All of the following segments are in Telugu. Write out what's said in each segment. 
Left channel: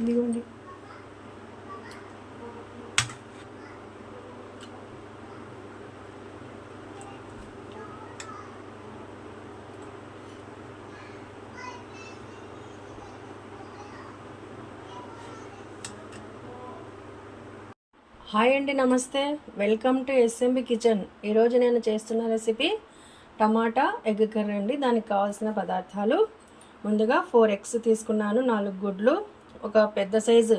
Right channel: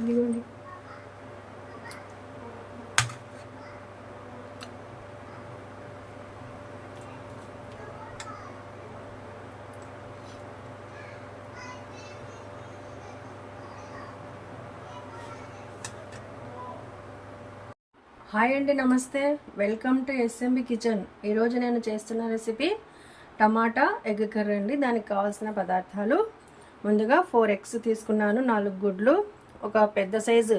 ఇదిగోండి. హాయ్ అండి, నమస్తే. Welcome to SMB kitchen. ఈరోజు నేను చేస్తున్న రెసిపీ టమాటా ఎగ్ కర్రీ అండి. దానికి కావాల్సిన పదార్థాలు: ముందుగా 4 ఎగ్స్ తీసుకున్నాను, 4 గుడ్లు, ఒక పెద్ద సైజు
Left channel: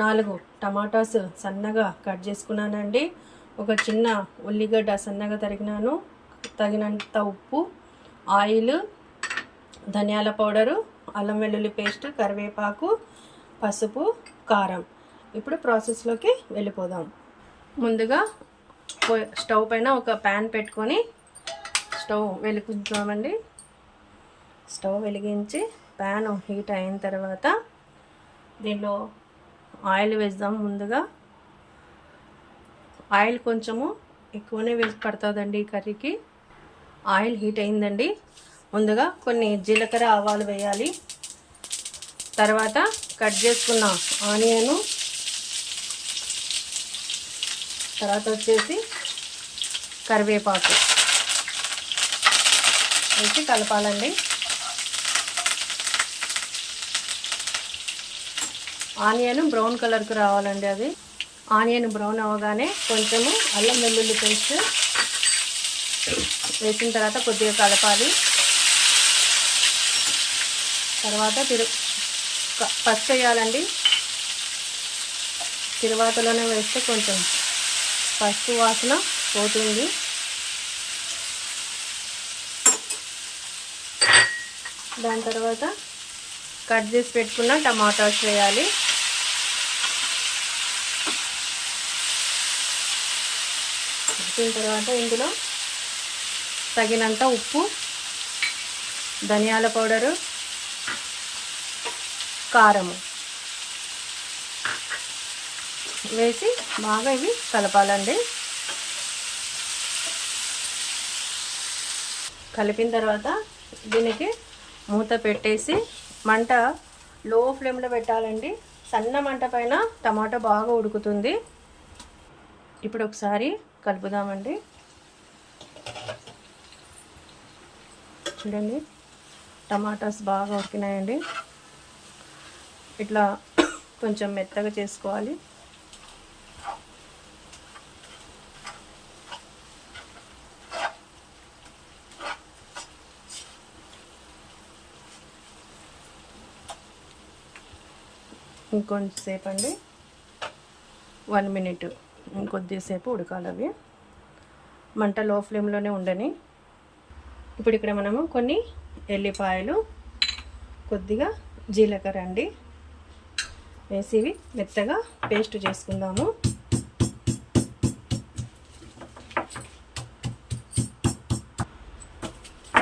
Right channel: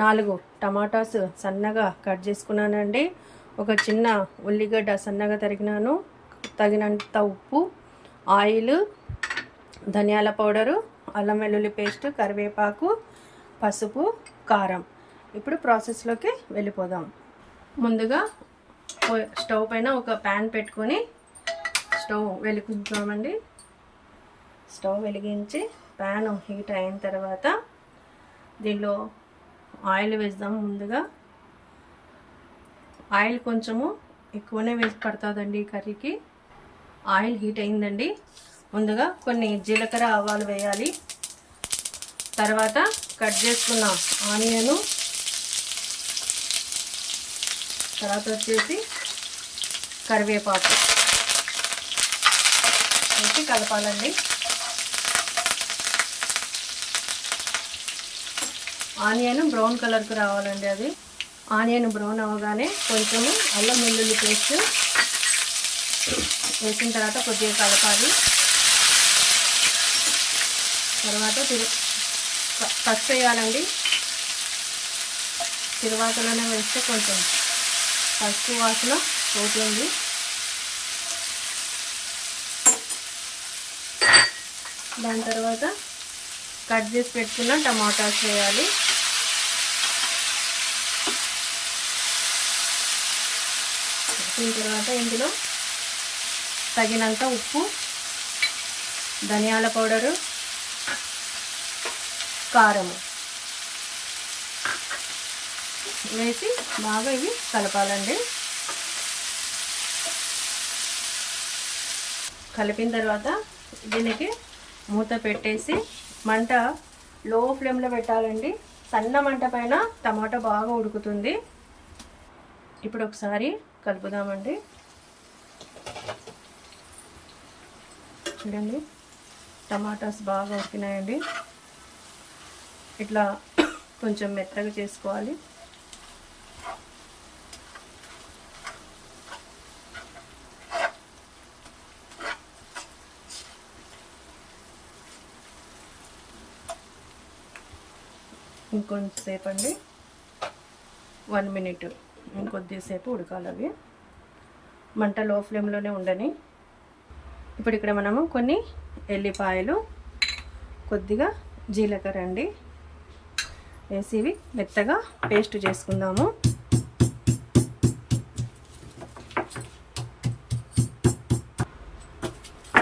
4 టమాటాస్ సన్నగా కట్ చేసుకున్నానండి, ఒక చిన్న ఉల్లిగడ్డ సన్నగా తరిగినాను, తగినంత ఉప్పు, ఆయిల్, ధనియాల పౌడరు, అల్లం వెల్లుల్లి పేస్ట్, కరివేపాకు, పసుపు, కారం. ఇప్పుడు ప్రాసెస్లోకి వెళ్ళిపోదాం. ముందుగా స్టవ్ పైన ఒక ప్యాన్ పెట్టుకొని స్టవ్ వెలిగించామండి. స్టవ్ వెలిగించి ప్యాన్ హీట్ అయిన తర్వాత దీనిలో ఆయిల్ వేద్దాం. ముందుగా ఆయిల్ కొంచెము ఎక్కువనే వేసి పడుతుందండి ఈ కర్రీకి. ఆయిల్ హీట్ అయిందండి. ముందుగా కొన్ని జీలకర్ర ఆవాలు వేయాలి. తర్వాత కట్ చేసుకున్న ఆనియను, తర్వాత వచ్చేసి కరివేపాకు వేసి కలపాలండి. ఆనియన్ బ్రౌన్ కలర్కి రావాలండి. అది ఆనియన్ బ్రౌన్ అవ్వగానే కొంచెము అల్లం వెల్లుల్లి పేస్ట్ వేసిన తర్వాత కొద్దిగా కలపాలి. తర్వాత పసుపు వేయాలండి. తిరువాతలోనే వేస్తే కొంచెం పసుపు వాసన పోతుంది. దాని తర్వాత కట్ చేసి పెట్టుకున్న టమాటాస్ వేయాలి. వేసిన తర్వాత ఇందులో తగినంత ఉప్పు, ధనియాల పౌడరు, కారము వేసి బాగా ఇవి కలపాలండి. కలిపిన తర్వాత దీనికి మూత పెట్టేసి మంట లో ఫ్లేమ్లో పెట్టాలండి. సన్న మంట పైన టమాటా బాగా ఉడుకుతుంది. ఇప్పుడు ఒకసారి కలుపుదామండి. చూడండి, టమాటాస్ బాగా ఉడికినాయండి. ఇట్లా కొంచెం మెత్తగా చేసుకోవాలి. ఇంకొంచెంసేపు అండి, 1 మినిట్ ఇంకొద్దిసేపు ఉడకాలి. మంట లో ఫ్లేమ్లోనే ఉండని. ఇప్పుడు ఇక్కడ మనము కొన్ని ఎల్లిపాయలు, కొద్దిగా జీలకర్ర అండి వేసి ఇవి మెత్తగా పేస్ట్ చేసుకుందాము.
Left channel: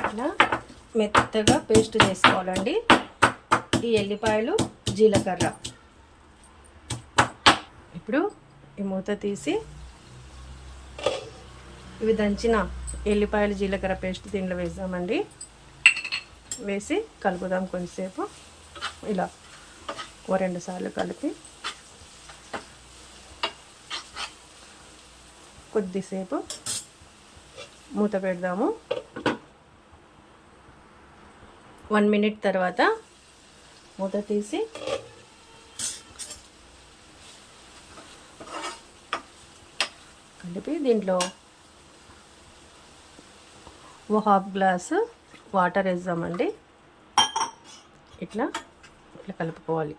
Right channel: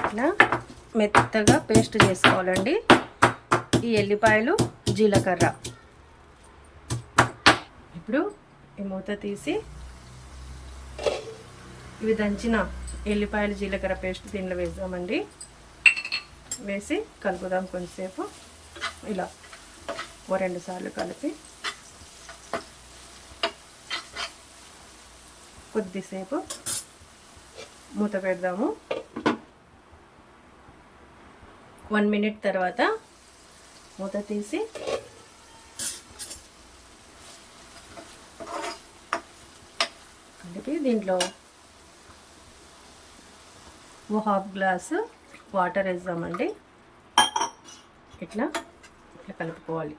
ఇట్లా మెత్తగా పేస్ట్ చేసుకోవాలండి ఈ ఎల్లిపాయలు, జీలకర్ర. ఇప్పుడు ఈ మూత తీసి ఇవి దంచిన ఎల్లిపాయలు, జీలకర్ర పేస్ట్ దీనిలో వేద్దామండి. వేసి కలుపుదాం కొంచెంసేపు. ఇలా 2 సార్లు కలిపి కొద్దిసేపు మూత పెడదాము. 1 మినిట్ తర్వాత మూత తీసి కలిపి దీంట్లో 1/2 గ్లాసు వాటర్ వేద్దామండి. ఇట్లా కలుపుకోవాలి.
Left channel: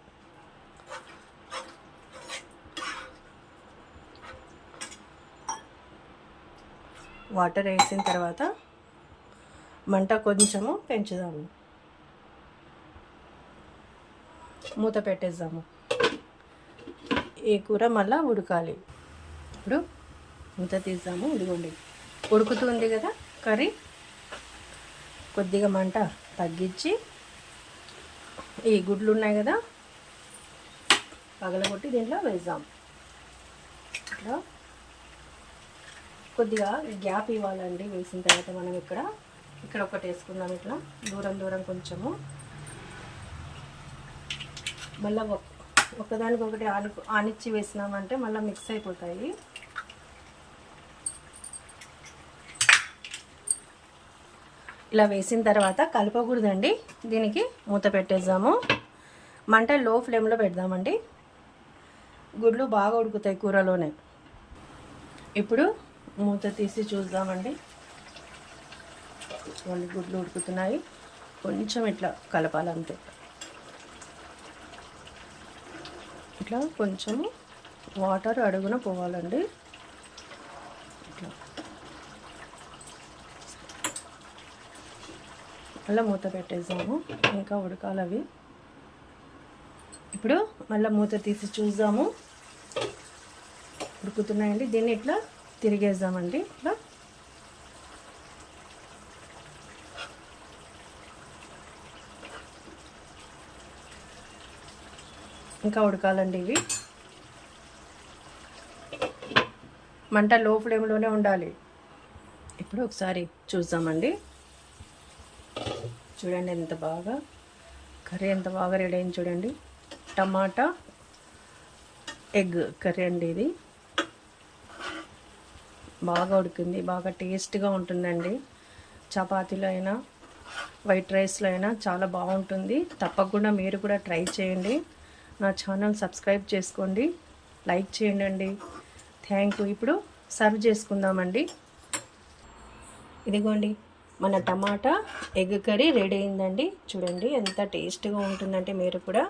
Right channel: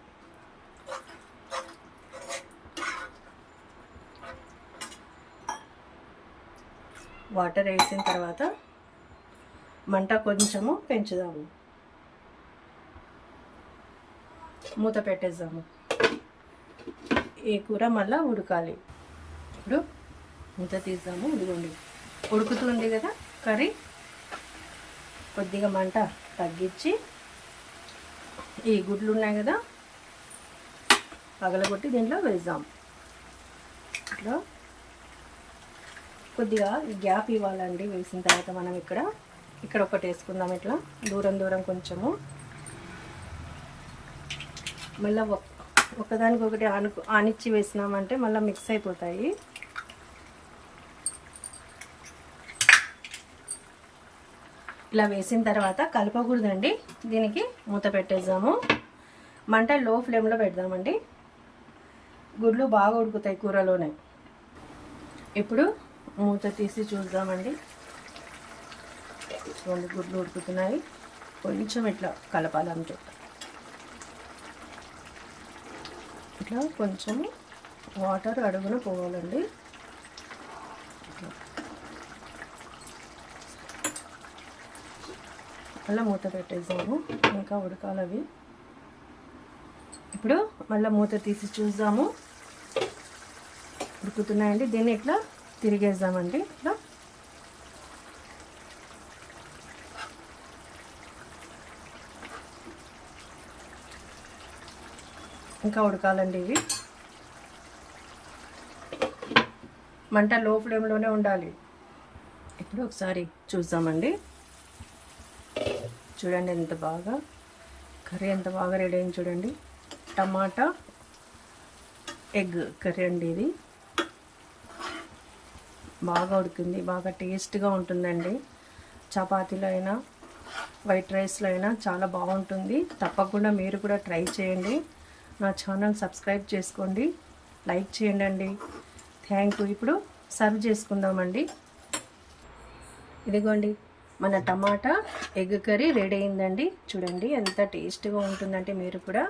వాటర్ వేసిన తర్వాత మంట కొంచెము పెంచుదాము. మూత పెట్టేద్దాము. ఈ కూర మళ్ళీ ఉడకాలి. ఇప్పుడు మూత తీద్దాము. ఇదిగోండి, ఉడుకుతుంది కదా కర్రీ. కొద్దిగా మంట తగ్గించి ఈ గుడ్లు ఉన్నాయి కదా పగలగొట్టి దీంట్లో వేద్దాం. ఇట్లా కొద్దిగా గ్యాప్ ఇవ్వాలండి. వేసిన తర్వాత మనం ఇక్కడ ఒకటి వేసుకుందాం. ఇట్లా దూరం కొంచెము. మళ్ళీ ఒకదానికొకటి ఆనిచ్చి వేసినామంటే మళ్ళీ మిక్స్ అయిపోతాయి. ఇలా వేసిన తర్వాత కలపకూడదండి. దీనికి మూత పెట్టేద్దాము. మంట లో ఫ్లేమ్లో పెడదామండి. గుడ్లు బాగా ఉడుకుతాయి కూరలోనే. ఇప్పుడు మూత తీసి చూద్దామండి. చూడండి గుడ్లు ఉడుకుతున్నాయి. కొంచెం ఇట్లా కలపాలంటే ఇట్లా కొంచెము వాటర్ అడుగున పోవాలండి. మళ్ళీ మూత పెట్టేద్దాము. ఇంకా ఉడకాలి అవి. ఇప్పుడు మళ్ళీ మూత తీసి చూద్దాము. ఉడుకుతున్నాయండి. దీన్ని ఇట్లా తిరిగేద్దామండి. ఇట్లా ఇంకా ఉడకాలండి ఇవి. మంట లో ఫ్లేమ్లోనే ఉండాలి. ఇప్పుడు ఒకసారి చూద్దామండి. చూడండి ఎంత బాగా కర్రీ ఎంత బాగా రెడీ అయింది చూడండి. టమాటా ఎగ్ కర్రీ అండి ఇది. బాగా ఉడికింది. బాగా టేస్ట్గా ఉంటుందండి. చపాతీలో అయినా వైట్ రైస్లో అయినా చాలా బాగుంటుంది. తప్పకుండా మీరు కూడా ట్రై చేయండి. నా ఛానల్ సబ్స్క్రైబ్ చేసుకోండి, లైక్ చేయండి. Thank you. ఇప్పుడు సర్వ్ చేసుకుందామండి. ఇదిగోండి మన టమాటా ఎగ్ కర్రీ రెడీ అయిందండి. చూడండి ఎంత టేస్ట్గా ఉంటుందంటే మీరు కూడా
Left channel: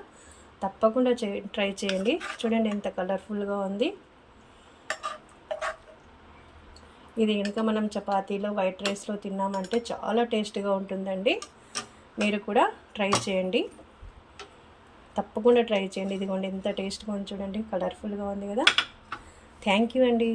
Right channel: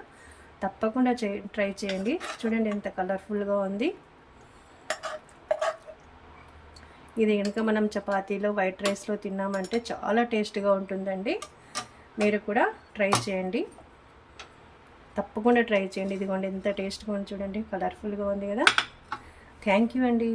తప్పకుండా ట్రై చేయండి. చూడండి ఎంత కలర్ఫుల్గా ఉంది. ఇది కనుక మనం చపాతీలో వైట్ రైస్లో తిన్నామంటే చాలా టేస్ట్గా ఉంటుందండి. మీరు కూడా ట్రై చేయండి. తప్పకుండా ట్రై చేయండి. ఇదిగోండి ఎంత టేస్ట్గా ఉంది చూడండి. కలర్ఫుల్గా ఉంది కదా. థ్యాంక్ యూ అండి.